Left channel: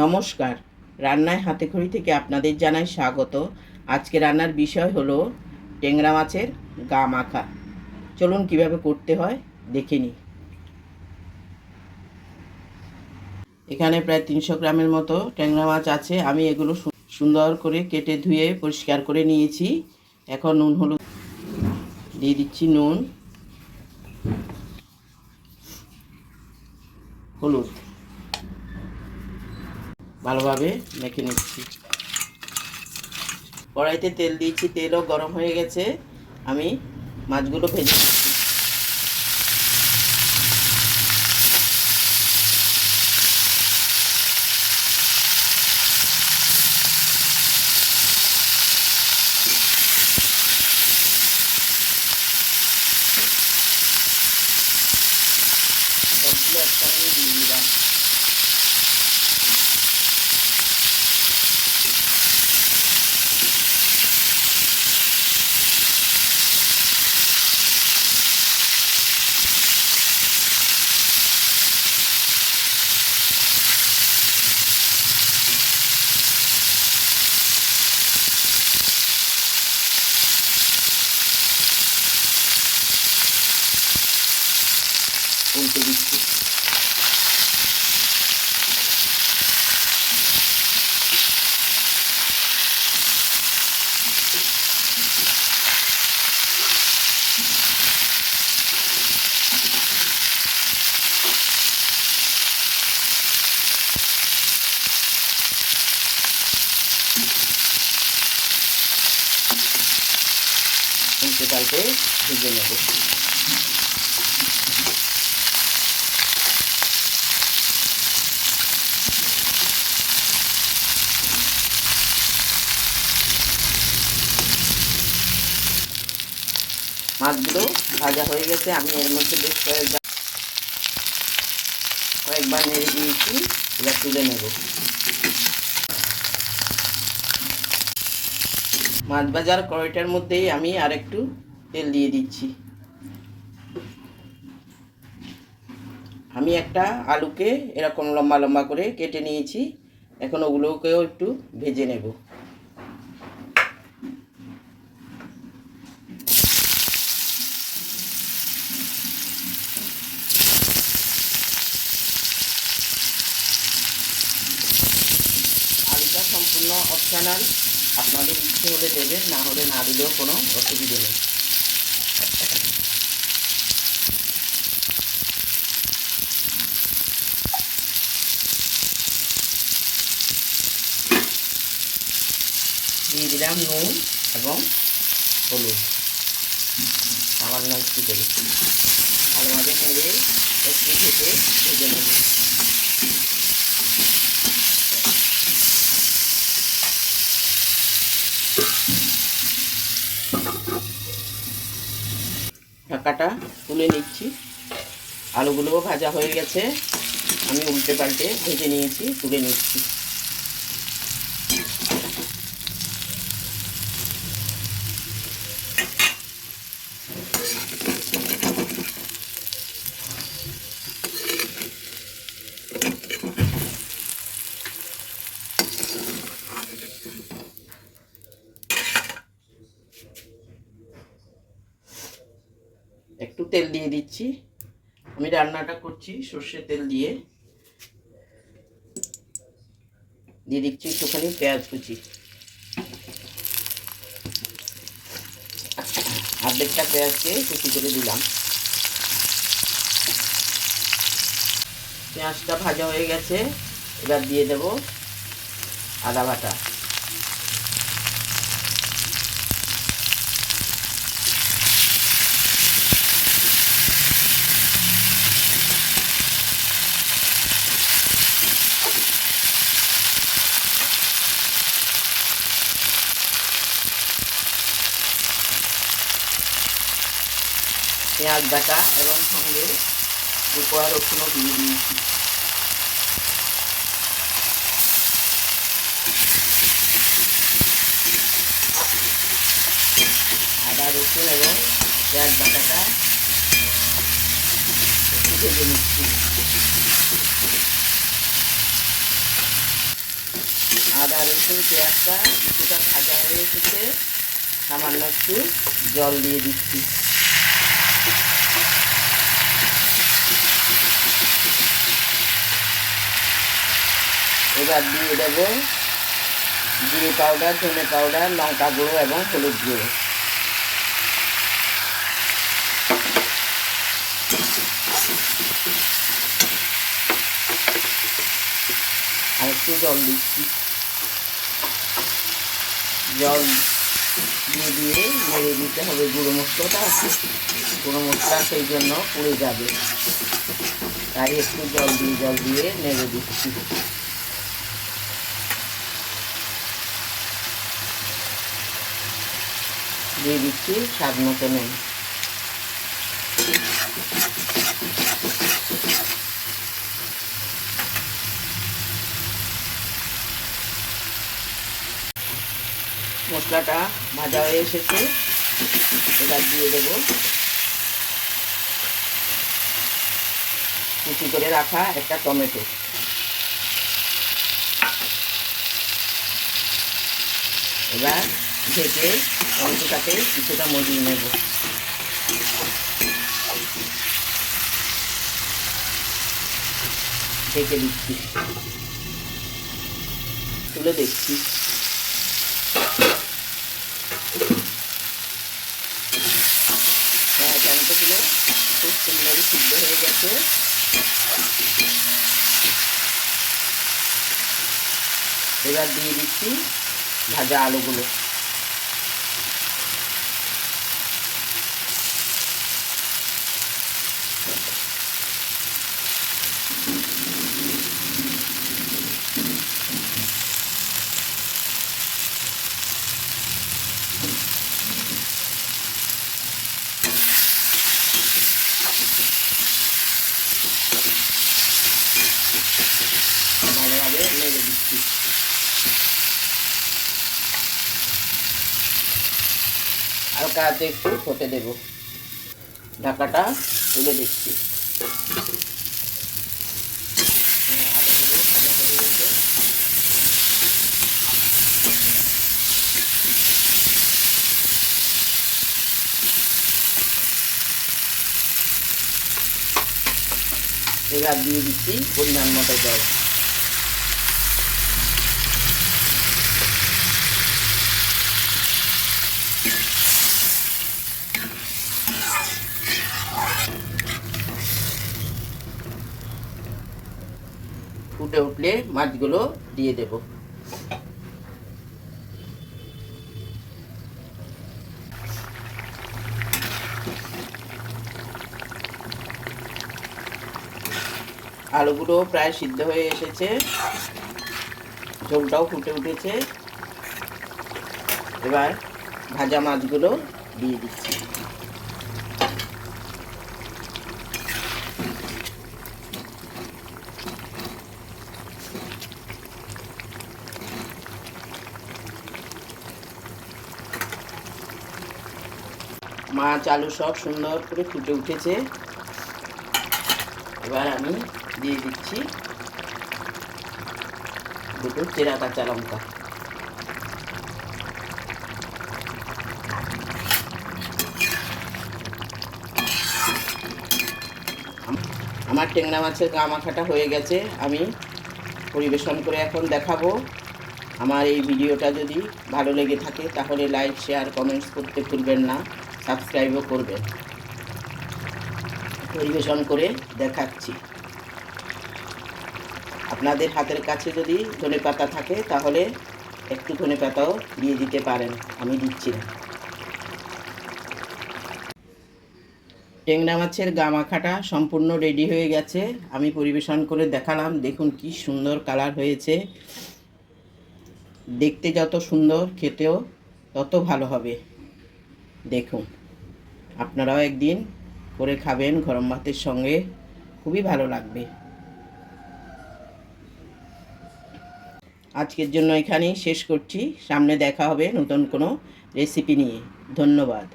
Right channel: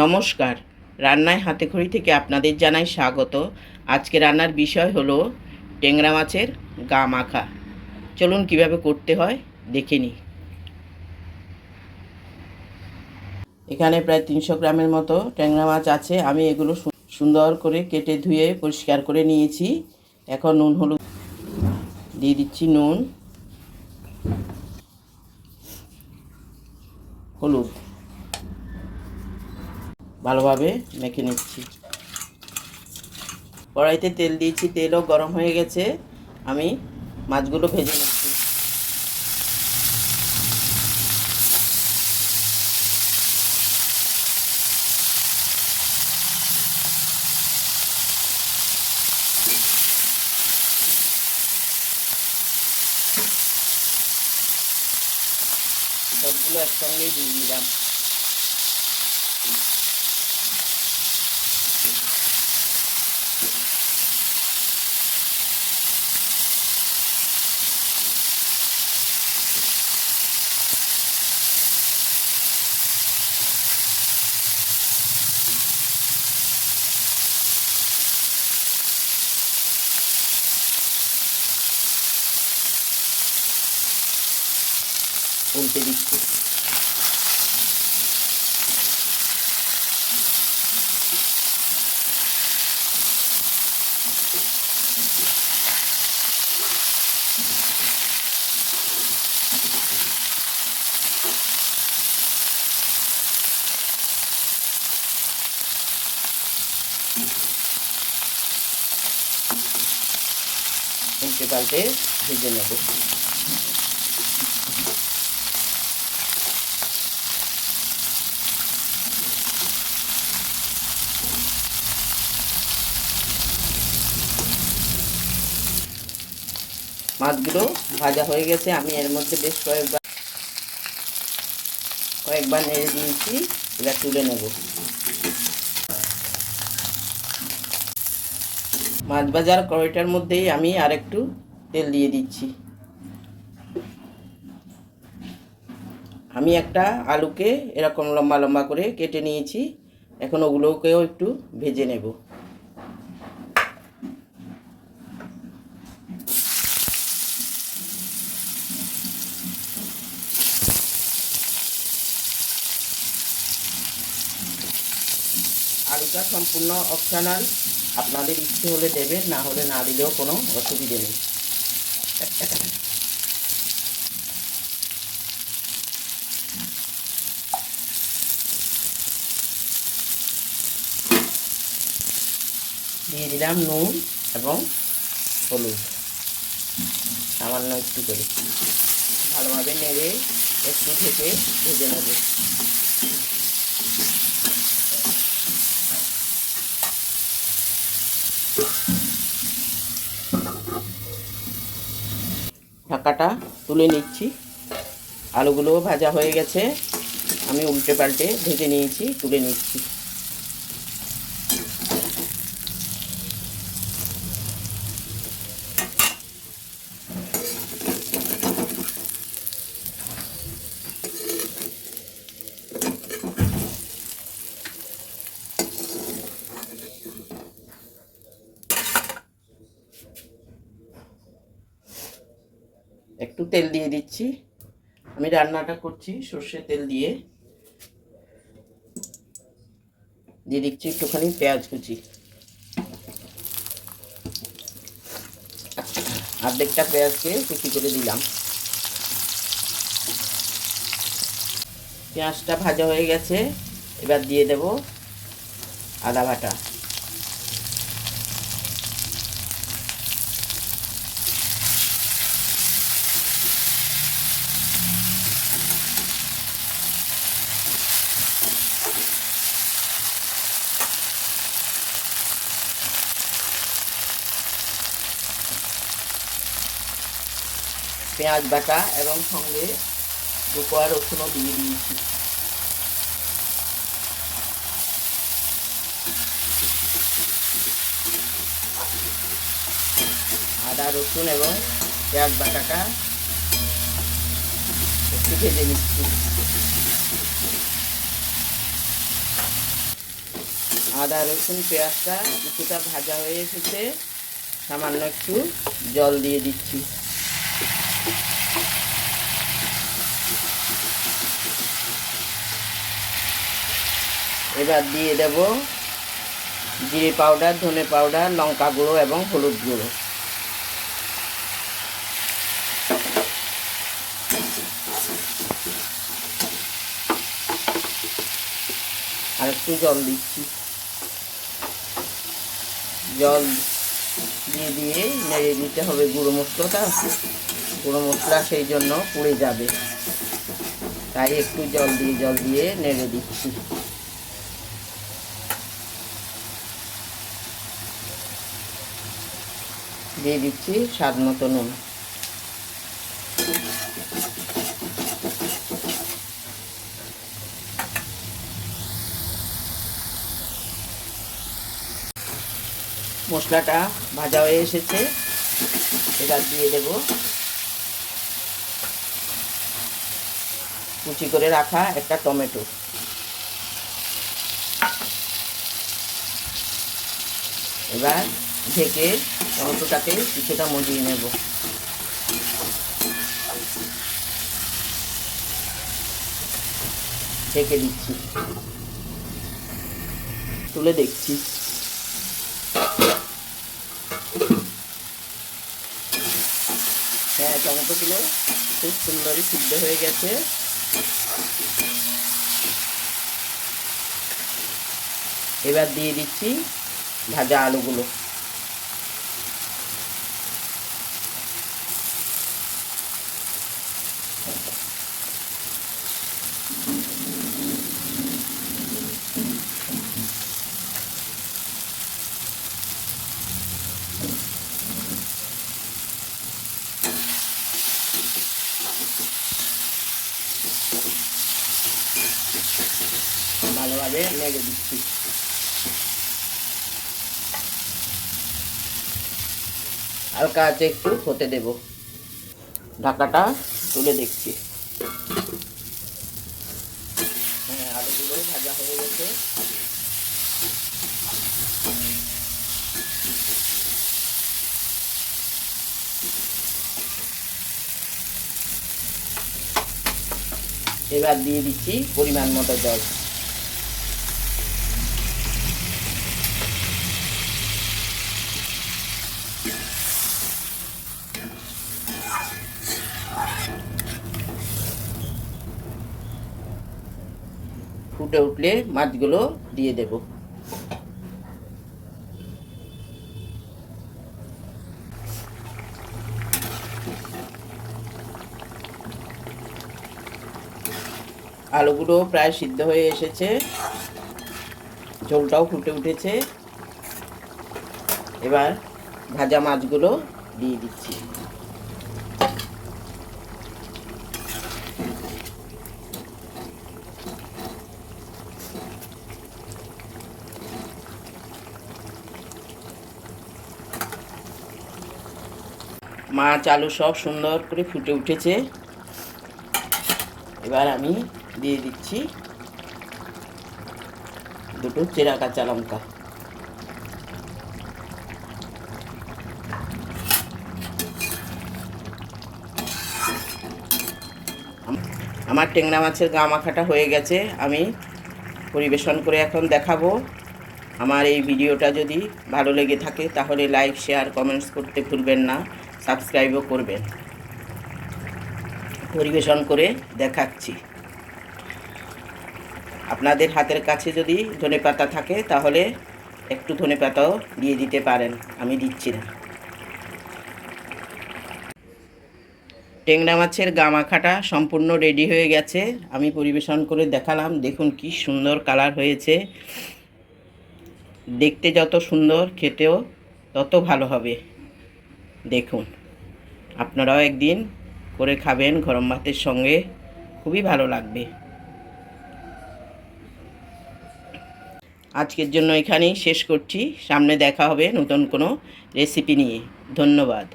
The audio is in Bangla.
নমস্কার, রান্নায় হাতেখড়ি থেকে আপনাদের জানাই স্বাগত। আজকে রান্নার বিষয় হলো ট্যাংরা মাছের গা মাখা। চলুন কিভাবে করতে হয় দেখে নিই। এখানে প্রায় 300 গ্রামের মতো ট্যাংরা মাছ আছে। আমি এগুলো সুন্দর করে কেটে ধুয়ে পরিষ্কার করে নিয়েছি। এখন নুন হলুদ দিয়ে দিচ্ছি। নুন, হলুদ ভালোভাবে মেখে নিচ্ছি। কড়াইতে তেল দিয়েছি, তেলও গরম হয়ে গেছে। আমি মাছগুলো ভেজে নিচ্ছি। সবগুলো একসঙ্গে দিয়ে দিলাম। উল্টে দিচ্ছি। উল্টে পাল্টে ভেজে নেব। মাছগুলো ভাজা হয়ে গেছে। আমি এর মধ্যে বেশ কয়েকবার নেড়ে দিয়েছি। এবার তুলে নেব। মাছ ভাজার কড়াইটার মধ্যেই আমি আরেকটু তেল দিয়ে দিচ্ছি। আমি একটা আলুকে এরকম লম্বা লম্বা করে কেটে নিয়েছি। এখন ওগুলোকেও একটু ভেজে নেব। আলুটা সম্পূর্ণ অপশনাল, আপনাদের ইচ্ছে হলে দেবেন, না হলে না দিলেও কোনো অসুবিধে নেই। দিয়ে দিলাম নুন এবং হলুদ সামান্য একটু করে। ভালোভাবে নেড়ে একটু ঢেকে ভেজে নেব। ঢাকাটা তুলে নিচ্ছি। আলুগুলোও ভাজা হয়ে গেছে। আমি উল্টে পাল্টে ভেজে নিয়েছি, তুলে নিচ্ছি। একটু তেল দিয়ে দিচ্ছি। আমি রান্নাটা করছি সর্ষের তেল দিয়ে। দিয়ে দিচ্ছি একটুখানি পেঁয়াজ কুচি। অর্ধেকটা পেঁয়াজকে কুচি করে দিলাম। পেঁয়াজটা ভাজা হয়ে গেছে। এবার দিয়ে দেব আদা বাটা। পেঁয়াজ বাটা এবং সঙ্গে কোয়া রসুনও দিয়ে দিয়েছি। আদা রসুন এবং পেঁয়াজ বাটাটা একটু ভেজে নিচ্ছি। আদা রসুন পেঁয়াজটা কিছুটা ভাজা হয়ে এসেছে, সামান্য একটু জল দিয়ে দিচ্ছি। এবার দিয়ে দেব জিরে পাউডার, ধনে পাউডার, লঙ্কা গুঁড়ো এবং হলুদ গুঁড়ো। আর একটু জল দিচ্ছি। জল দিয়ে নেড়ে দিতে হবে গুঁড়ো মশলাটা। গুঁড়ো মশলা সেই জন্য পুড়ে যাবে, তাই একটু জল দিয়ে নেড়ে দিচ্ছি। দিয়ে দিচ্ছি স্বাদ মতো নুন। মশলাটা ভাজা হয়ে এসেছে, এবার দিয়ে দেব কুচি করে রাখা একটা টমেটো। এবার ঢেকে টমেটোটাকে কিছুটা মজিয়ে নেব। ঢেকে দিচ্ছি, তুলে দেখছি। হ্যাঁ, টমেটোগুলো খুব সুন্দরই সিদ্ধ হয়ে গেছে। এবার দিয়ে দিচ্ছি ভাজা আলুগুলো। ভালোভাবে নেড়ে দিচ্ছি। হালকা আঁচে একটু হতে দেব। ঢাকাটা তুলে দেখছি। হ্যাঁ, আলুগুলো ভাজা হয়ে গেছে। এবার দিয়ে দিচ্ছি পরিমাণ মতো জল। ফুটে উঠলে মাছগুলো দিয়ে দেব। আলুগুলো প্রায় সিদ্ধ হয়ে এসেছে, ঝোলটাও ফুটে উঠেছে। এবার ভাজা মাছগুলো দিয়ে দিচ্ছি। মাছ আলু সব সুন্দর করে ফুটে উঠেছে। এবার আমি দিয়ে দিচ্ছি দুটো চেরা কাঁচা লঙ্কা। আমার ট্যাংরা মাছের গা মাখাটা হয়ে গেছে, আমি পরিবেশন করে এখন দেখাবো। আমার এই ভিডিওটা যদি ভালো লেগে থাকে তাহলে লাইক, শেয়ার, কমেন্টস করতে ভুলবেন না, সাবস্ক্রাইবও করবেন। পরিবেশন করে দেখাচ্ছি। আপনাদের হাতের কাছে যদি ধনেপাতা থাকে তাহলে একটু ধনেপাতাও দিয়ে দিতে পারেন, আমি দিচ্ছি না। ট্যাংরা মাছের গা মাখাটা সম্পূর্ণ রেডি হয়ে গেছে, আমি পরিবেশন করে দেখালাম। দেখুন কি সুন্দর কালার হয়েছে। দেখতে যত সুন্দর, খেতেও তত ভালো হবে। দেখুন, আপনারাও একদিন করে খাবেন গরম ভাতের সঙ্গে, খুবই ভালো লাগবে। আজকের জন্য এখানেই শেষ করছি। সামনে দেখা হবে নতুন কোনো রেসিপি নিয়ে। ধন্যবাদ।